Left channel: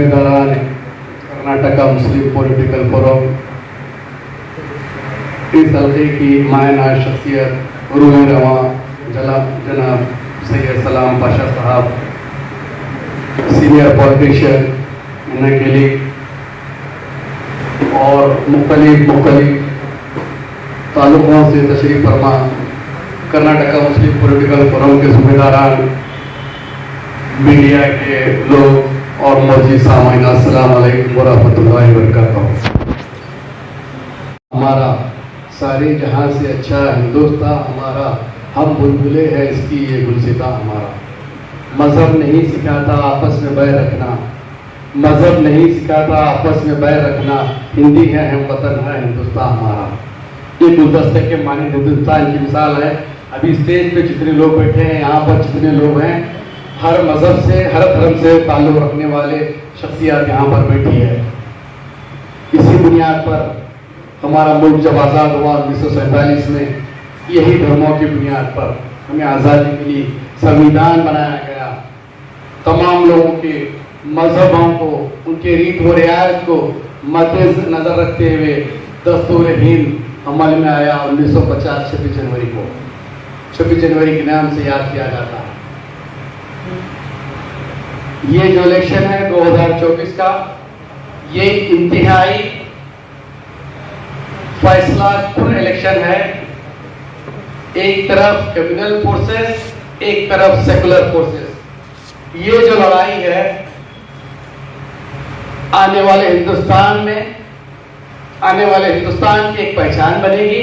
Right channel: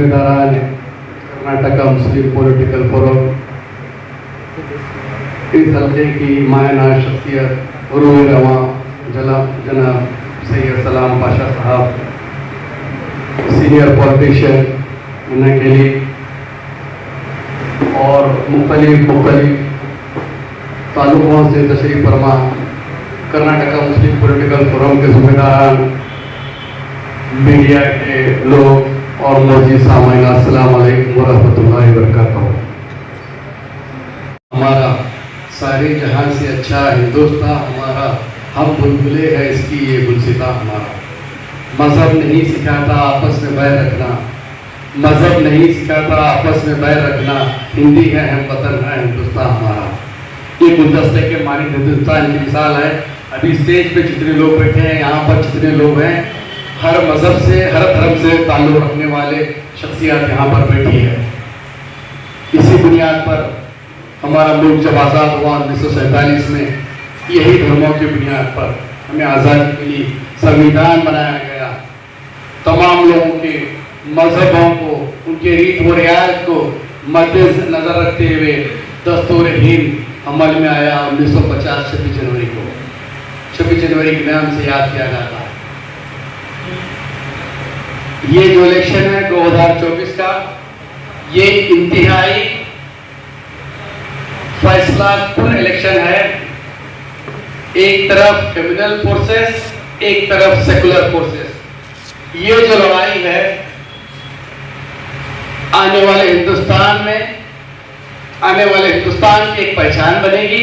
जिम्मेदारान कर्नाटका मुस्लिम political forum इस हल्के की मायना शख्सियत रूही रवा जनाब सैयद सलाम पाशा साहब, सीनियर पॉलिटिशियन नकेली और मुख्तलिफ तालुकों से तशरीफ फरमा कर्नाटका मुस्लिम पॉलिटिकल फोरम के जिम्मेदारान, मीडिया के लोग और मौजूद सामाइन, अस्सलाम वालेकुम वरहमतुल्लाहि वबरकातुहू। हमारा सारे जहां से अच्छा हिंदुस्तान हमारा, हम बुलबुले है इसकी ये गुलसिता हमारा। मजहब नहीं सिखाता आपस में बैर रखना, मजहब नहीं सिखाता आपस में बैर रखना, हिंदी है हम वतन है हिंदुस्तान हमारा। ये गुलदस्ते के मानी हिंदुस्तान की मिसाल है। अभी स्टेज पे जितने लोग बैठे हैं, यहाँ पर जितने लोग हैं, हर मजहब से हर धर्म से ताल्लुक रखने वाले शख्सियत यहाँ पर बैठी है। इसी बुनियाद पर हमारा मुल्क जब आज़ाद हुआ 1947 में, यही धर्मों की बुनियाद पर हमें आज़ादी मिली, संविधान बनाया गया, तमाम लोगों के मजहबों को, उनके रीत व रिवाज को मद्देनजर रखते हुए दस्तूर हिंद अमल में आया 1950 26 जनवरी को। 26 जनवरी के नाम से याद किया जाता है। ये जो इलेक्शन है 2024 का, ये इंतहाई फैसला कुन इलेक्शन है। एक तरफ क्रिमिनल फोर्सेस, एक तरफ सेकुलर फोर्सेस। ये जो लड़ाई है आने वाले हिंदुस्तान में, आने वाले हिंदुस्तान की एक पहचान बनेगी।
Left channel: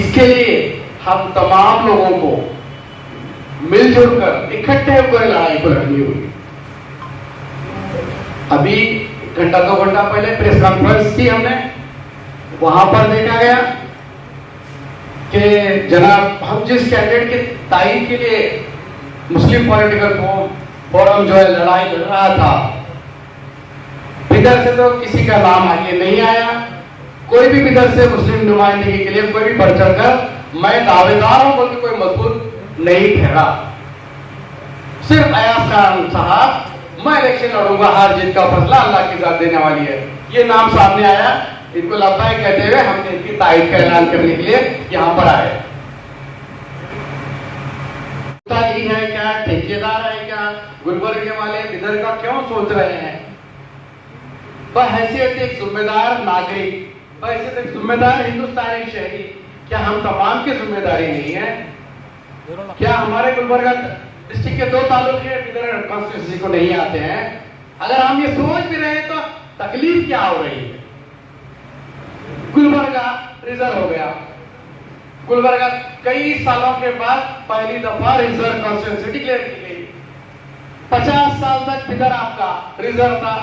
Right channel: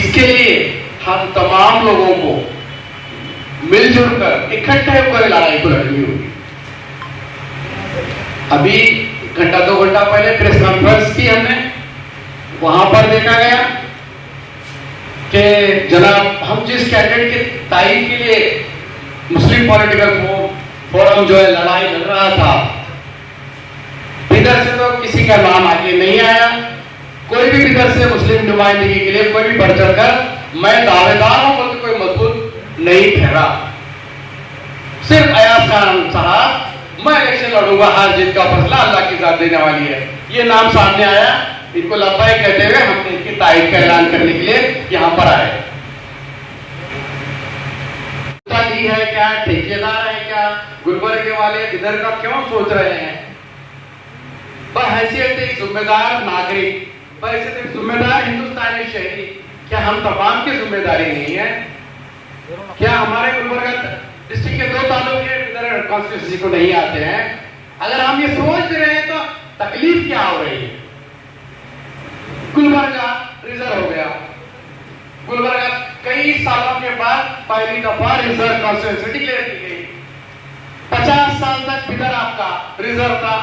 इसके लिए हम तमाम लोगों को मिलजुल कर इकट्ठे होकर लड़ाई को लड़नी होगी। अभी घंटा 2 घंटा पहले प्रेस कॉन्फ्रेंस की हमने, वहां पर देखा गया कि जनाब हम जिस कैंडिडेट के तायीद के लिए मुस्लिम पॉलिटिकल फोरम जो है लड़ाई लड़ रहा था, इधर से तो किसी का नाम आगे नहीं आया। कोई भी इधर से मुस्लिम नुमाइंदगी के लिए कोई भी बढ़ चढ़कर मैं दावेदार हूं बोल के कोई मजबूत नहीं ठहरा। सिर्फ अयाज खान साहब, मैं इलेक्शन लड़ूंगा, हार जीत का फैसला अल्लाह की जात देने वाली है, ये नाम सामने आया। इनको लब्बाइक कहते हुए हमने इनकी तायीद का ऐलान करने के लिए यहां पर आए। है क्या, ठेकेदार है क्या, गुलबर्गे वाले इधर का क्यों सोच रहे हैं? बहैसियत एक जिम्मेदार नागरिक, बहैसियत एक जिम्मेदार हिंदुस्तानी शहरी, क्या हम तमाम की जिम्मेदारी नहीं है? क्या हमारे गुलबर्गा डिस्ट्रिक्ट के 2 तालुके इधर कॉन्स्टिट्यूंसी को नहीं आते हैं? अगर हम ये सोच रहे हैं तो तकलीफ क्या हो रही है? गुलबर्गा रिजर्व हो गया। गुलबर्गा कई सालों के बाद पहली दफा रिजर्व कॉन्स्टिट्यूंसी डिक्लेयर की गई। 50 साल तक बिदर आपका रिजर्व था।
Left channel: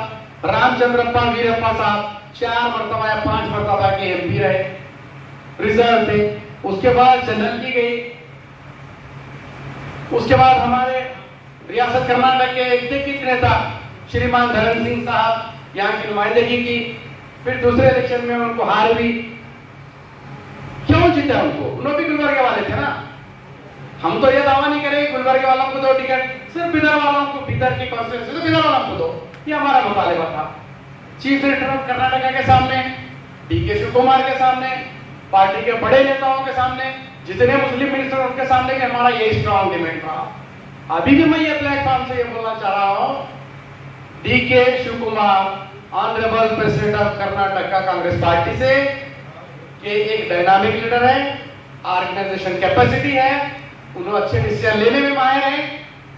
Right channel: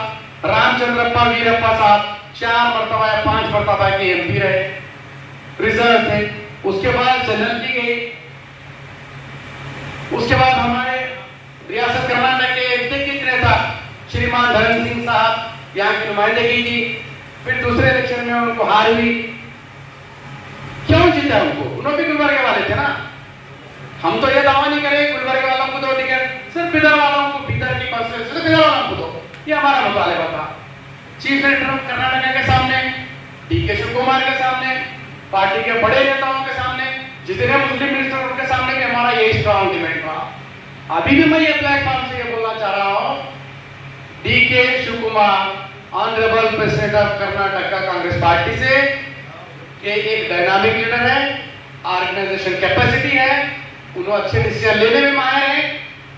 रामचंद्रप्पा वीरप्पा साहब 4 मरतबा या 5 मरतबा के एमपी रहे, रिजर्व थे। उसके बाद जनरल की गई। उसके बाद हमारे रियासत कर्नाटक के एग्जीक्यूटिव नेता श्रीमान धर्म सिंह साहब यहाँ की नुमाइंदगी की। फिर दूसरे इलेक्शन में उनको हार हुई। क्यों जीता उनको? उन्होंने भी गुलबर्गे वाले थे ना। हम तो ये दावा नहीं करें गुलबर्गे वालों को दो टिकट, सिर्फ बिदर वालों को, बिदर की कॉन्स्टिट्यूंसी से बिदर वालों को दो, ये हमारा मुतालिबा था। चीफ मिनिस्टर ऑफ कर्नाटका के सामने, डीके शिव कुमार के सामने, पार्टी के बड़े नेताओं के सामने, जितने मुस्लिम मिनिस्टर उनके सामने भी हमारा ये स्ट्रॉन्ग डिमांड था। अभी भी मैं ये प्लेटफॉर्म से ये बोलना चाह रहा हूं, DK Shivakumar honourable president of Karnataka Congress party से, कि एक डायनामिक लीडर है, ऑर्गेनाइजेशन कैपेसिटी है, उन्होंने अच्छे डिसीजन लेने में माहिर है।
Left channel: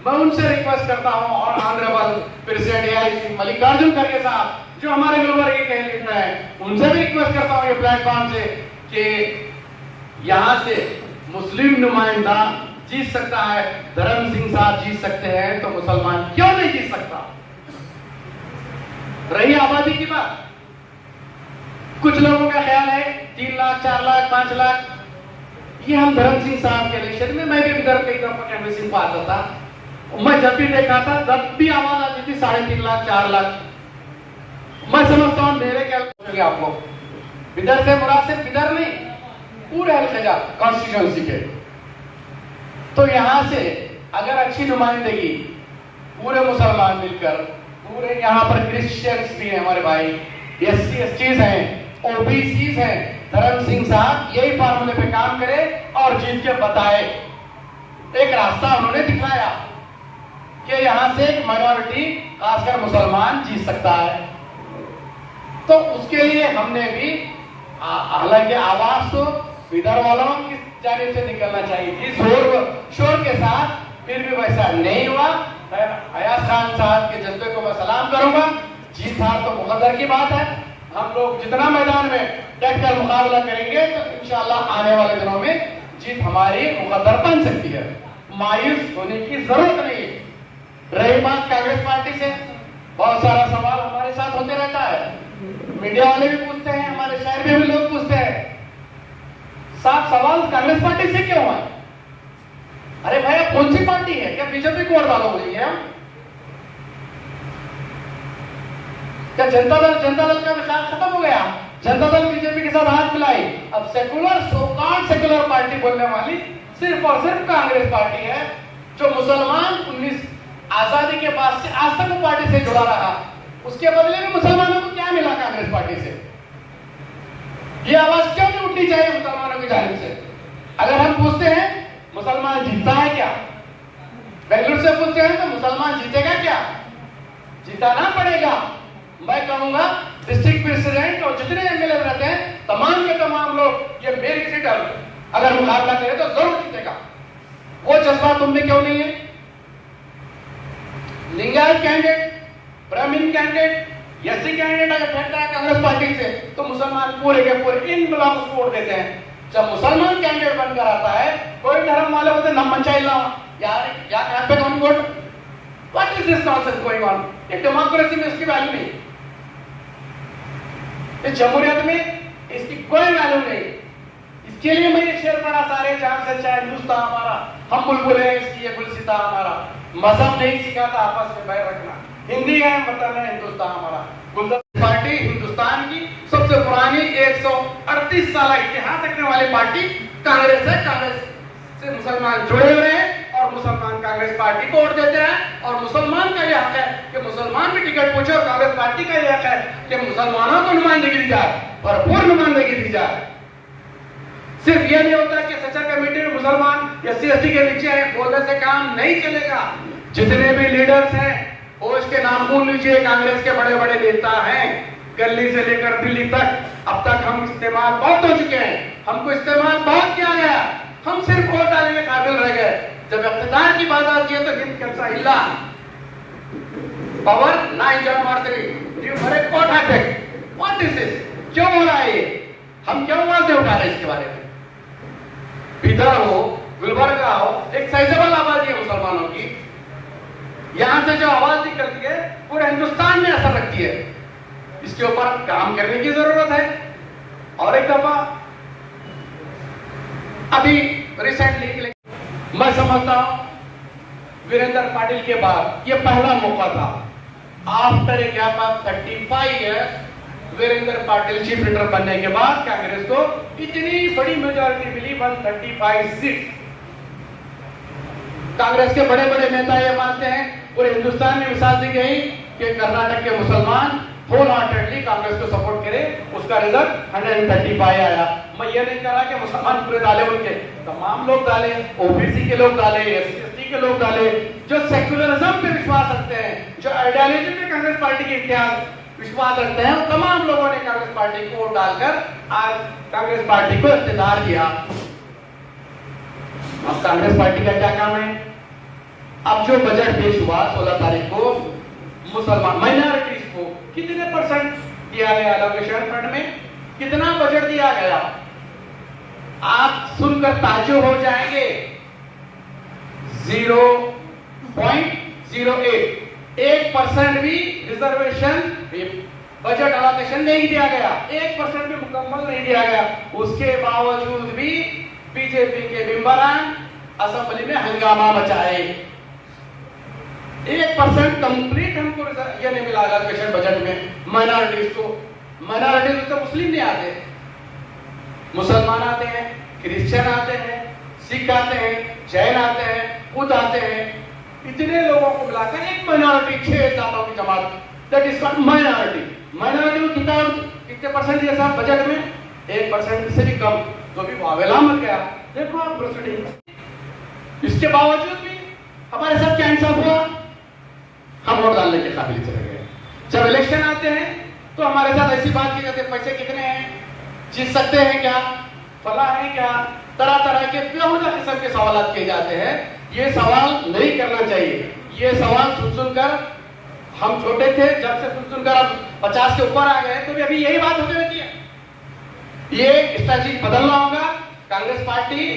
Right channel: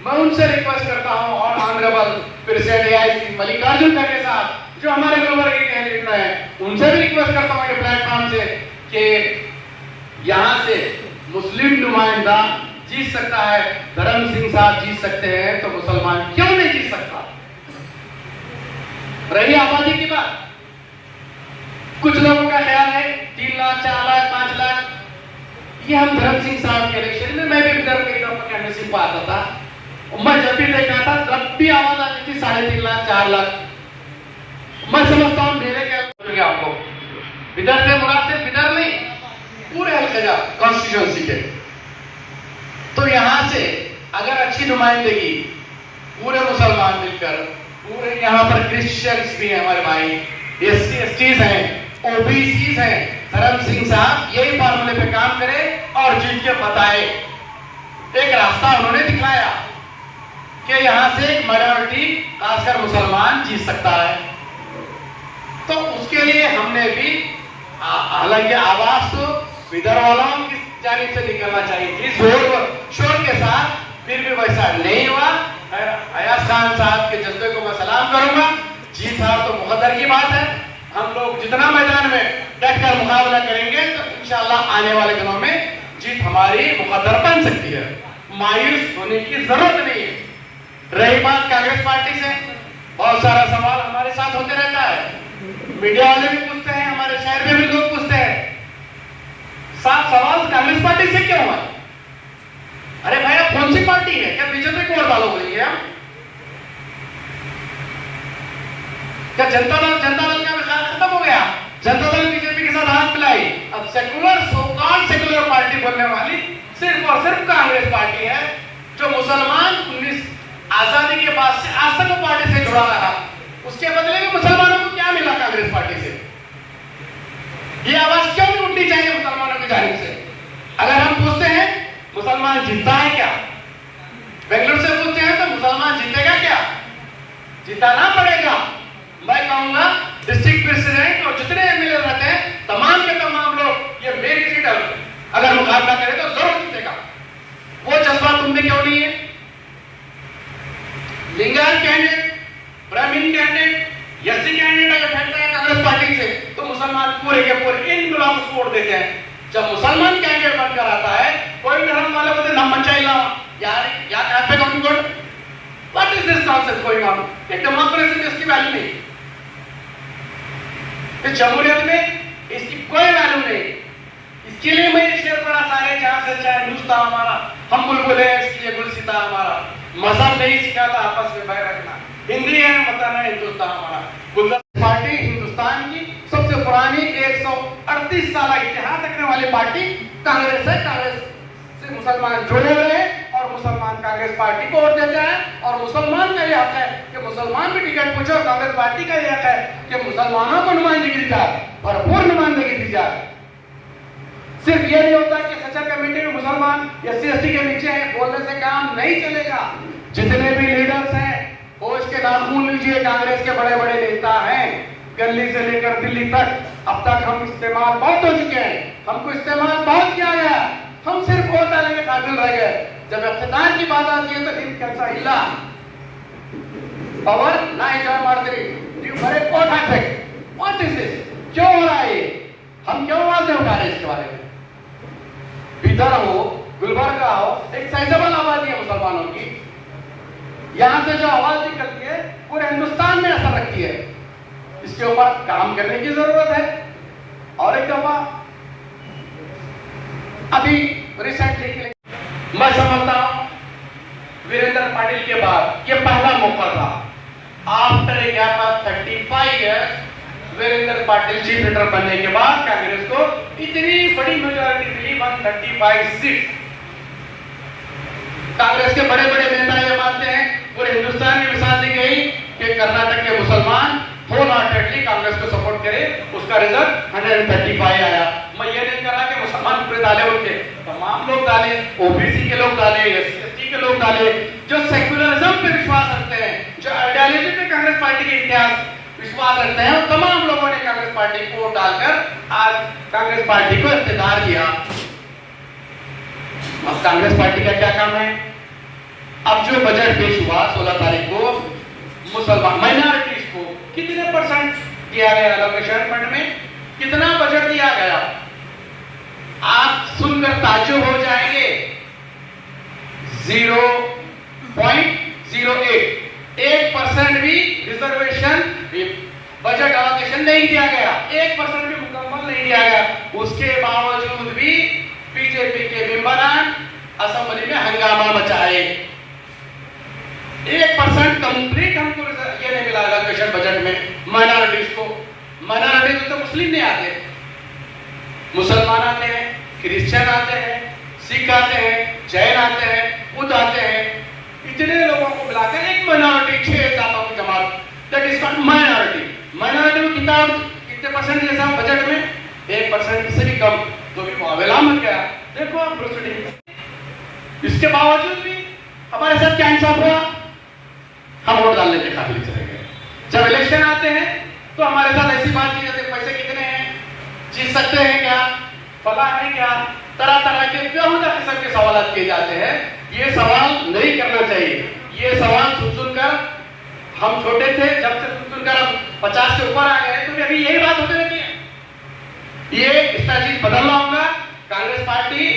मैं उनसे रिक्वेस्ट करता हूं, और ऑनरेबल प्रेसिडेंट एआईसी मल्लिकार्जुन खड़गे साहब जो हमारे गुलबर्गे के लीडर हैं, उनसे भी रिक्वेस्ट करता हूं ये प्लेटफॉर्म से कि यहां से मुस्लिम नुमाइंदा जीत सकता है, धर्म सिंह साहब जीत सकते हैं, तो मुसलमान क्यों नहीं जीत सकता? रही आबादी की बात, कुछ लोगों का ख्याल है 3 लाख 4 लाख 5 लाख, ये हम धर्म सिंह साहब के इलेक्शन में, मैं भी इधर पे कैंपेनिंग पे आता था, मैं जब भी देखा था, जब भी आवाज आती थी 3.5 लाख 4 लाख, मैं समझता हूँ मेरे क्या आपको इधर से मुराद सिर्फ इधर नहीं, पूरे हल्का कॉन्स्टिट्यूंसी के। तो यहां से अगर अच्छी नुमाइंदगी पूरे मुसलमान मिलकर पूरे यहाँ पर क्रिश्चियंस भी हैं हमारे भाई, SC STs हैं, OBCs हैं। धर्म सिंह साहब यही फार्मूले पे काम करे और जीत के बताए। एक रास्ता उन्होंने दिखाया कि यहाँ से एक माइनॉरिटी खासकर मुसलमान जीत सकता है। तो उसके लिए हमने भी हालांकि आवाज तो विदर्भ वालों की जानिब से निकलना चाहिए थी जोर शोर के साथ, फिर भी वैसा नहीं हुआ। अयाज खान साहब के जज्बे को मैं सलाम करूंगा। जीत हार तो मुकद्दर की बात है। हम लोग जितना मैदान में डटकर मुकाबला करेंगे तो इंशाअल्लाह आने वाले दिनों में जीत हमारी मुकद्दर बन सकती है। मायूस होने की जरूरत नहीं है। रही बात कांग्रेस पार्टी से, बहुत सारा सवाल हमारे साथ होते रहता है, मीडिया वाले भी पूछते हैं, हमारे शहर में भी लोग पूछते हैं, साफ सवाल कांग्रेस पार्टी से क्यों है? अरे भैया कौन सी पार्टी है? क्या बीजेपी को वोट डालोगे? हम क्या जनता दल का विकास खत्म हो गया? जनता दल बीजेपी के साथ हाथ मिलाई। अब सेकुलर सोकॉल्ड सेकुलर पार्टी बोलने वाली सिर्फ और सिर्फ कांग्रेस पार्टी है, जो मुसलमान 19 आजादी के बाद से आज तक वो पार्टी से जुड़ा रहा। उसके बदले में मुसलमानों को क्या मिला कांग्रेस पार्टी से? ये आवाज क्यों नहीं उठनी चाहिए मुसलमानों की जानिब से? अगर हम पूछते हैं मुसलमान जीतता है क्या, बेंगलुरु से पूछते हैं तो मुसलमान जीतेगा क्या? जिताना पड़ेगा। मैं कहूंगा डिस्ट्रिक्ट प्रेसिडेंट और जितने एमएलए रहते हैं तमाम के तमाम लोग ये मेरी सीट अगर मुकाबला करें तो जरूर जीतेगा। वो जज्बा तुम में क्यों नहीं है? लिंगायत कैंडिडेट, ब्राह्मण कैंडिडेट, एससी कैंडिडेट अगर बैठता है कांग्रेस पार्टी से तो मुसलमान पूरे के पूरे इन लोगों को वोट देते हैं। जब मुसलमान कैंडिडेट बनकर आता है कोई धर्म वाले बोलते ना मचाइला यार यहाँ पे कौन vote, what is this nonsense going on? ये डेमोक्रेसी में इसकी वैल्यू नहीं, इस जमहूरियत में इसकी कोई वैल्यू नहीं। इसके लिए मैं ये शेर पढ़ा, सारे जहां सच्चा हिंदुस्तान हमारा, हम बुलबुल है इसलिए गुलसिता हमारा, मजहब नहीं सिखाता आपस में बैर रखना, हिंदी है वतन है हिंदुस्तान हमारा। गुलदस्ता पार्टी हिंदुस्तान की सबसे पुरानी 138 साल इतिहास रखने वाली पार्टी कांग्रेस है। कांग्रेस से मुसलमान जुड़े हुए हैं और मुसलमान कांग्रेस पार्टी को वोट देते हैं और मुसलमान का यह हक है कि मुसलमान भी टिकट पूछे और कांग्रेस पार्टी का यह हक है कि मुसलमानों को नुमाइंदगी दी जाए, भरपूर नुमाइंदगी दी जाए। सिर्फ यह नहीं होता कि सचर कमेटी में मुसलमान SC ST के नीचे है, बोलने से काम नहीं चलेगा। जितने भी लीडर्स हैं होश के नाखून लीजिए, कांग्रेस के बड़े बड़े नेता हैं, गली से लेकर दिल्ली तक। अब तक हम इस्तेमाल बहुत हो चुके हैं, हमको इस्तेमाल बहुत किया गया, हम सिर्फ वोट डालने में काबिल रह गए। जब इख्तिदार की बात आती है तो हिंद कैसा हिला पावर ना एंजॉय मारते न्यू भरे कोट हैक। What is this? क्यों हो रहा है ये? हम क्यों आवाज नहीं उठा रहे इसके बारे में? भीतर हो, गुलबर्गा हो, एक साइजेबल आबादी है मुसलमानों की, यहां से जो आवाज निकलती है पूरे हिंदुस्तान में असर रखती है। इसके ऊपर काम करने की जरूरत है। और एक दफा अभी रिसेंटली मैं समझता हूं वीरेंद्र पाटिल के बाद ये पहला मौका था after a gap of 35 years Veerendra Patil chief minister बनने के बाद कांग्रेस को इतनी बड़ी मेजॉरिटी मिली 135 सीट। कांग्रेस के बड़े बड़े नेता ये मानते हैं, पूरे हिंदुस्तान में मिसाल दी गई कि कर्नाटक के मुसलमान होल हार्टेडली कांग्रेस को सपोर्ट करे, उसका रिजल्ट 135 आया। मैं ये नहीं कह रहा कि मुसलमान पूरे डाले होंगे, तमाम लोग डाले, ओबीसी के लोग डाले, SC ST के लोग डाले, जो सेक्युलरिज्म पे विश्वास रखते हैं, जो आइडियोलॉजी पे कांग्रेस पार्टी के इतिहास विश्वास रखते हैं, तमाम लोगों ने कांग्रेस पार्टी को वोट डालकर आज कांग्रेस पार्टी को इख्तियार किया। अब कांग्रेस पार्टी का क्या काम है? अब जो बजट पेश हुआ 16 तारीख को, मुसलमान माइनॉरिटीज को कितने % दिया गया एलोकेशन फंड में, कितना बजट दिया गया? आप सुनकर ताज्जुब हो जाएंगे। 0.08 1% भी रिजर्वेशन बजट एलोकेशन नहीं दिया गया, 1% भी मुकम्मल नहीं दिया गया। उसके बावजूद भी बीजेपी के मेंबरान असेंबली में हंगामा मचाए। 1% कंप्लीट हमको ये नहीं मिला एलोकेशन बजट में माइनॉरिटीज को। माइनॉरिटीज तो मुस्लिम नहीं आते, मुसलमान आते हैं, क्रिश्चियन आते हैं, सिख आते हैं, जैन आते हैं, बुद्ध आते हैं, इतने लोगों को मिलाकर एक माइनॉरिटी 6 सालों की जमा बाद that is called minority. Minority में कितने परसेंट जैसा बजट में 1% से भी कम, तो भी अवेला मत गया। देखो आप प्रोसीडिंग, इसके बावजूद भी हमारे साथ क्या इंसाफ हुआ, हम वोट डालने के काबिल चले गए। जब इलेक्शन आते हैं तो हमारे साथ ऐसी बात की जाती है, पैसे कितने हैं, जीत सकते हैं क्या, फला है क्या, तरह तरह के बेहुदा किस्म के सवाल किए जाते हैं। ये सवाल नहीं करना चाहिए। ये सवाल सुनकर हम छोटे थे, जब से सुनकर अब 50 के ऊपर आ गए तो भी अभी यही बात होती रहती है। ये स्ट्रैटेजी बदलना होगा। कांग्रेस पार्टी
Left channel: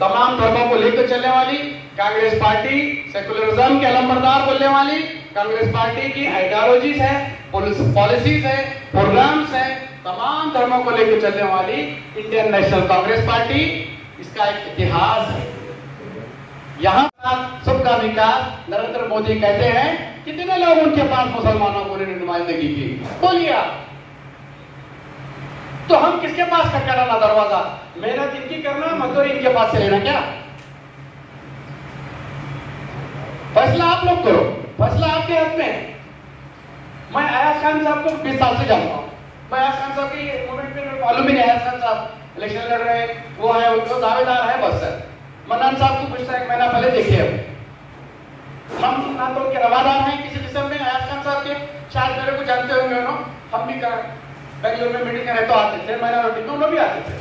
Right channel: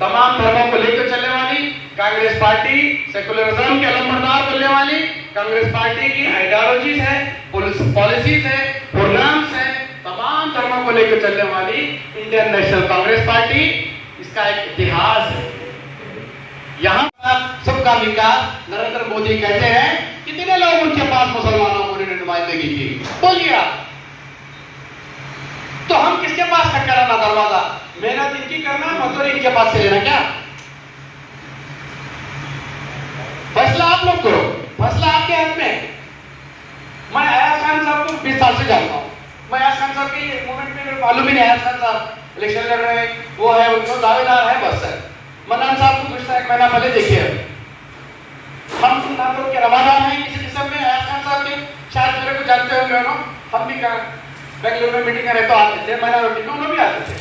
तमाम धर्मों को लेकर चलने वाली, कांग्रेस पार्टी सेकुलरिज्म के अलंबरदार बनने वाली, कांग्रेस पार्टी की आइडियोलॉजीज है, पॉलिसीज है, प्रोग्राम्स है, तमाम धर्मों को लेकर चलने वाली इंडियन नेशनल कांग्रेस पार्टी, इसका एक इतिहास है। यहाँ सबका विकास नरेंद्र मोदी कहते हैं, कितने लोग उनके पास मुसलमानों को नुमाइंदगी की, बोलिए आप। तो हम किसके पास खटखटाना दरवाजा, मेहनत इनकी करना, मजदूरी इनके पास से लेना क्या? फैसला आप लोग करो, फैसला आपके हाथ में। मैं अयाज खान साहब को 20 साल से जानता हूँ। मैं अयाज खान साहब की मूवमेंट में मालूम ही नहीं, अयाज खान साहब इलेक्शन लड़ रहे हैं, वो है, उनको दावेदार है, बस है। मन्नान साहब को पिछला 1 महीना पहले देखिए, हम ना तो के रवादार हैं किसी किस्म में। अयाज खान साहब के शायद मेरे को जानते होंगे, हम भी बेंगलुरु में मीटिंग करे तो आते थे, माइनॉरिटी में उन्होंने भी आते थे।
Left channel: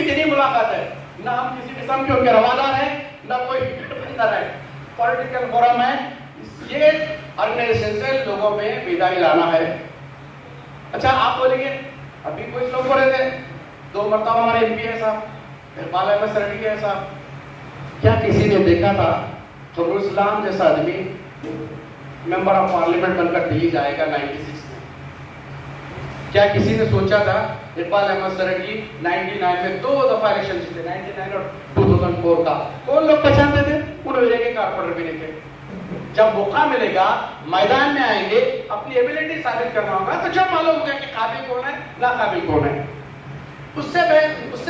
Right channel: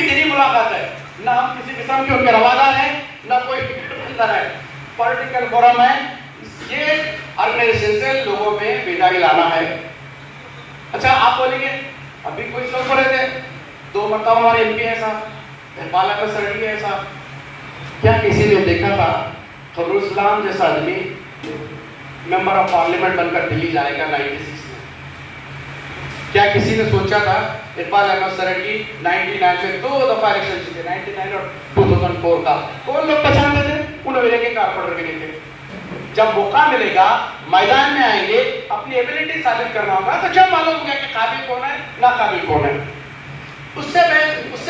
इतनी मुलाकात है, ना हम किसी किस्म के उनके रवादार हैं, ना कोई अंदर है, पॉलिटिकल फोरम है। ये ऑर्गेनाइजेशन से लोगों में बेदारी लाना है। अच्छा आप बोलेंगे, अभी कोई शो कर रहे थे, 2 मरतबा हमारे एमपी है साहब, नेपाल में सरडी है साहब, क्या किसी ने देखा था खबरुस्लाम जैसा आदमी मेंबर ऑफ पार्लियामेंट बनकर दिल्ली जाएगा 96 में? क्या किसी ने सोचा था इरफान अहमद सरडी 99 में 2 दफा इलेक्शन जीते, 99 और 2004 का? कौन लोग पहचानते थे? उन्होंने के कारपोरेटर भी नहीं थे। जब मौका मिलेगा, मैदान में आएंगे, अपनी एबिलिटी साबित करना होगा, तो जब मालूम हो गया कि काबिल कौन है, ना काबिल कौन है। उससे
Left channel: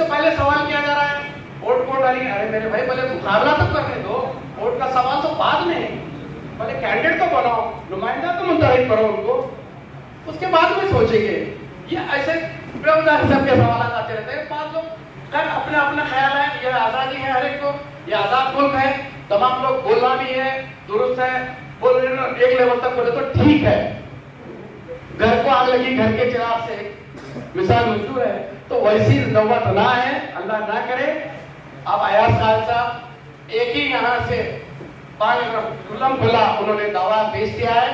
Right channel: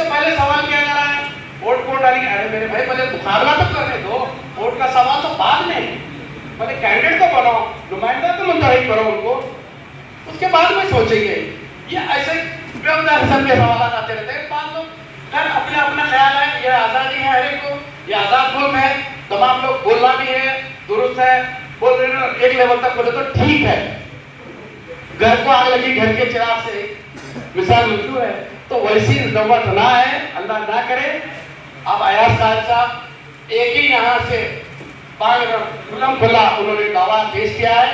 पहले सवाल किया जा रहा है, वोट कौन डालेंगे? अरे मेरे भाई, पहले मुकाबला तो करने दो, वोट का सवाल तो बाद में, पहले कैंडिडेट तो बनाओ, नुमाइंदा तो मुंतखब करो उनको, उसके बाद में सोचेंगे। ये ऐसे बेवजह किस्म के सवाल आते रहते हैं। बात तो कर, अपना अपना ख्याल है, ये आजादी है हर एक को, ये आजाद मुल्क है, तमाम लोग बोलना भी है, दुरुस्त है, बोल रहे हैं, एक लेवल तक बोले तो ठीक है। घर को आग लगी, घर के चिराग से मिसाल मौजूद है, तो वैसी नौबत ना है, अल्लाह ना करे। अब अयाज खान साहब एक ही यहाँ से खुल्लम खुल्ला उन्होंने दावा पेश किया है।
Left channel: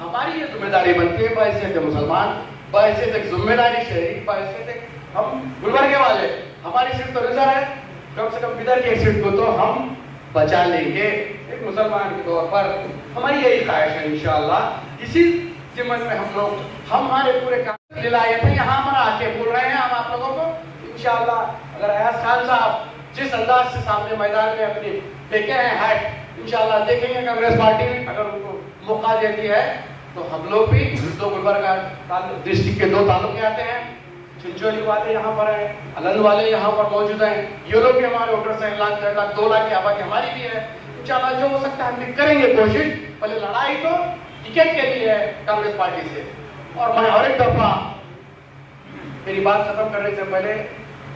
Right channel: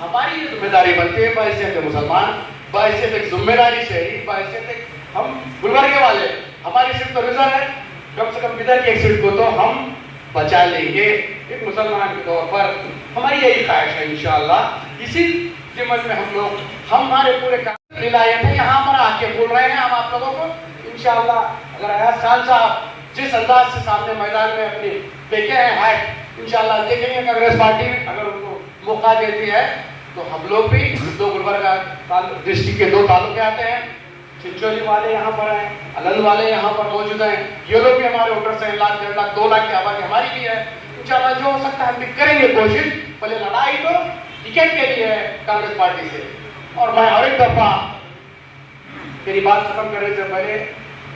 हमारी ये जिम्मेदारी बनती है, बाइसे थे मुसलमान, बाइसे थे जिम्मेदारी शहरी, बाइसे थे हम गुलबर्गे वाले, हमारी सीट तो रिजर्व है, कम से कम इधर की एक सीट को तो हम बचा लेंगे एक मुसलमान के तौर पर। हमारी यही ख्वाहिश है इंशाअल्लाह। इसी जिम्मत में हम लोग, हम हमारे पूरे काम दिलाए थे, यहाँ पर आके बोल रहे हैं हम आप लोगों को इंशाअल्लाह। अगर अयाज खान साहब जिस अंदाज से सामने मैदान में अपनी फेंके हैं हैट, इंशाअल्लाह देखेंगे कांग्रेस पार्टी अगर उनको मौका देती है तो हम लोग भी 2 गुलबर्गा डिस्ट्रिक्ट के 2 तालुके आते हैं, चिंचोली वाले यहाँ पर हैं, अलंद वाले यहाँ पर मौजूद हैं, ये लोग भी हमारे वोटर्स हैं, 1 लाख 1.5 लाख 2 लाख की आबादी हमारी भी है। इंशाअल्लाह जो हो सकता है हम भी करेंगे कोशिश। पहले लड़ाई तो टिकट के लिए है कांग्रेस पार्टी से। और मैं हर एक दफा मेरी बात खत्म करने से पहले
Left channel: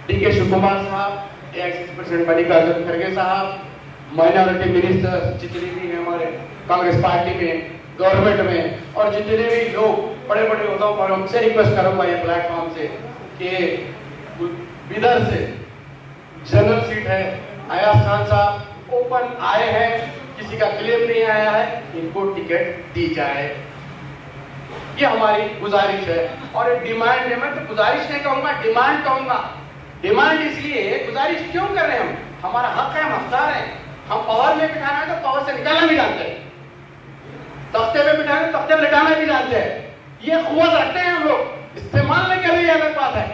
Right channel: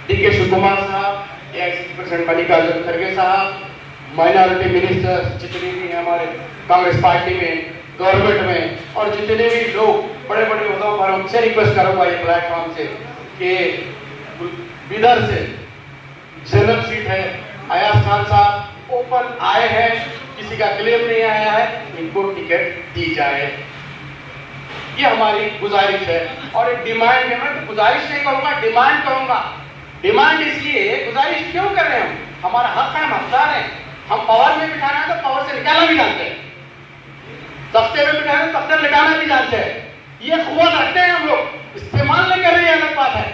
डीके शिव कुमार साहब, प्रेसिडेंट मल्लिकार्जुन खड़गे साहब, माइनॉरिटी मिनिस्टर जितने भी हैं हमारे कांग्रेस पार्टी में, गवर्नमेंट में, और जितने भी लोग बड़े बड़े ओहदों पर, उनसे रिक्वेस्ट करूंगा ये प्लेटफॉर्म से कि बिदर से जनरल सीट है, अयाज खान साहब ओपन आए हैं, किसी का क्लेम नहीं आया है, इनको टिकट दी जाए, ये हमारी गुजारिश है। और एक डिमांड है, मैं गुजारिश नहीं कहूंगा, डिमांड कहूंगा। डिमांड इसलिए, गुजारिश क्यों कर रहे हैं? हमारा हक है, हम हकदार हैं। हम पावर में बिठाना है तो पावर से निकालना भी जानते हैं, तख्ते में बिठाना तो तख्ते निकालना भी जानते हैं। ये कुव्वत रखते हैं हम लोग, इस्तेमाल नहीं कर रहे हैं, अलग बात है।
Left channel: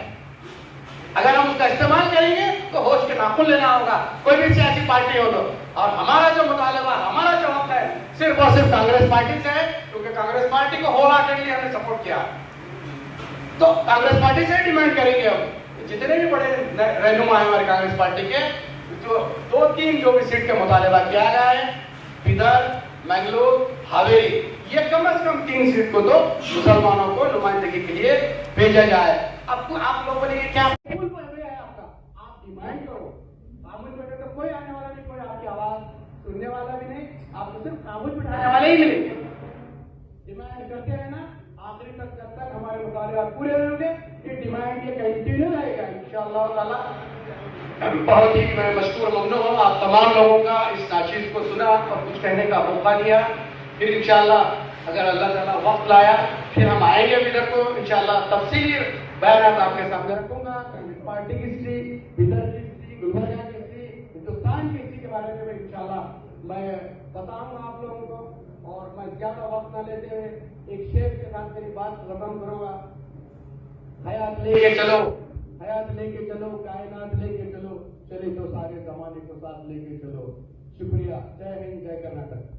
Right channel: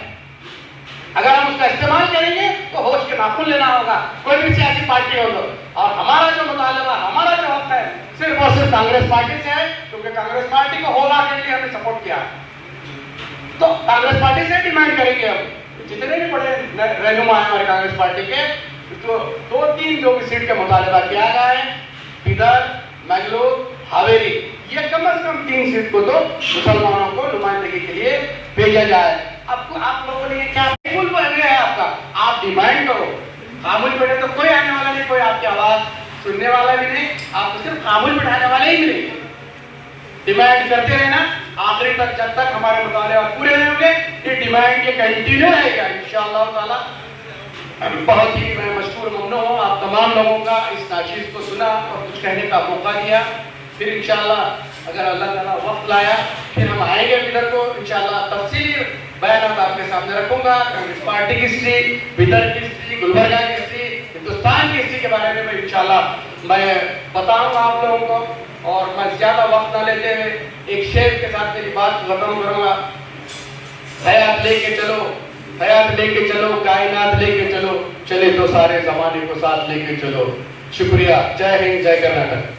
अगर हम उसका इस्तेमाल करेंगे तो होश के नाखून लेना होगा, कोई भी सियासी पार्टी हो तो। और हमारा जो मुतालबा, हमारा जो हक है, सिर्फ और सिर्फ कांग्रेस पार्टी से है, क्योंकि कांग्रेस पार्टी को होला के लिए हमने सपोर्ट किया है। तो कांग्रेस पार्टी से डिमांड करेंगे हम, जितने भी बड़े रहनुमा है हमारे कांग्रेस पार्टी के, जो 2-3 जो भी सीट का मुतालबा किया गया है, बिदर, मैंगलोर, हावेरी, ये कम से कम 3 सीट को तो मुसलमानों को नुमाइंदगी के लिए भेजा जाए। अब आप लोगों ने क्या पुल बन गया है आपका, आप डिमांड करो, खामोश बैठे तो कोई आने वाला नहीं, कोई आपकी आवाज सुनने वाला भी नहीं, आपको सिर्फ खामोश बैठाने वाले ही मिलेंगे। डिमांड करते रहना आखिरी तक, जब तक हमारे मुताले पूरे नहीं होंगे ये डिमांड ये कंटिन्यू रहेगा इंशाअल्लाह ताला। बहुत ही मैं मशकूर ममनून हूँ आप तमाम लोगों का इस नाचीज़ को सुना और कुछ कहने का मौका दिया। फिर इंशाअल्लाह अगर अल्लाह ताला वक्त लाया फिर हम आएंगे इधर को इंशाअल्लाह तफसीली बयान आपके सामने रखूंगा। कांग्रेस पार्टी की हिस्ट्री, बिदर की हिस्ट्री, गुलबर्गा की हिस्ट्री, हिंदुस्तान की हिस्ट्री के बारे में इंशाअल्लाह मैं बताऊंगा आप लोगों को। और मैं ज्यादा वक्त ना लेते हुए एक शेर के साथ मेरी बात खत्म करूंगा। हयात लेके चलो, हयात लेके चलो, कायनात लेके चलो, चले तो सारे जमाने को साथ लेके चलो। शुक्रिया। जय हिंद, जय कर्नाटक।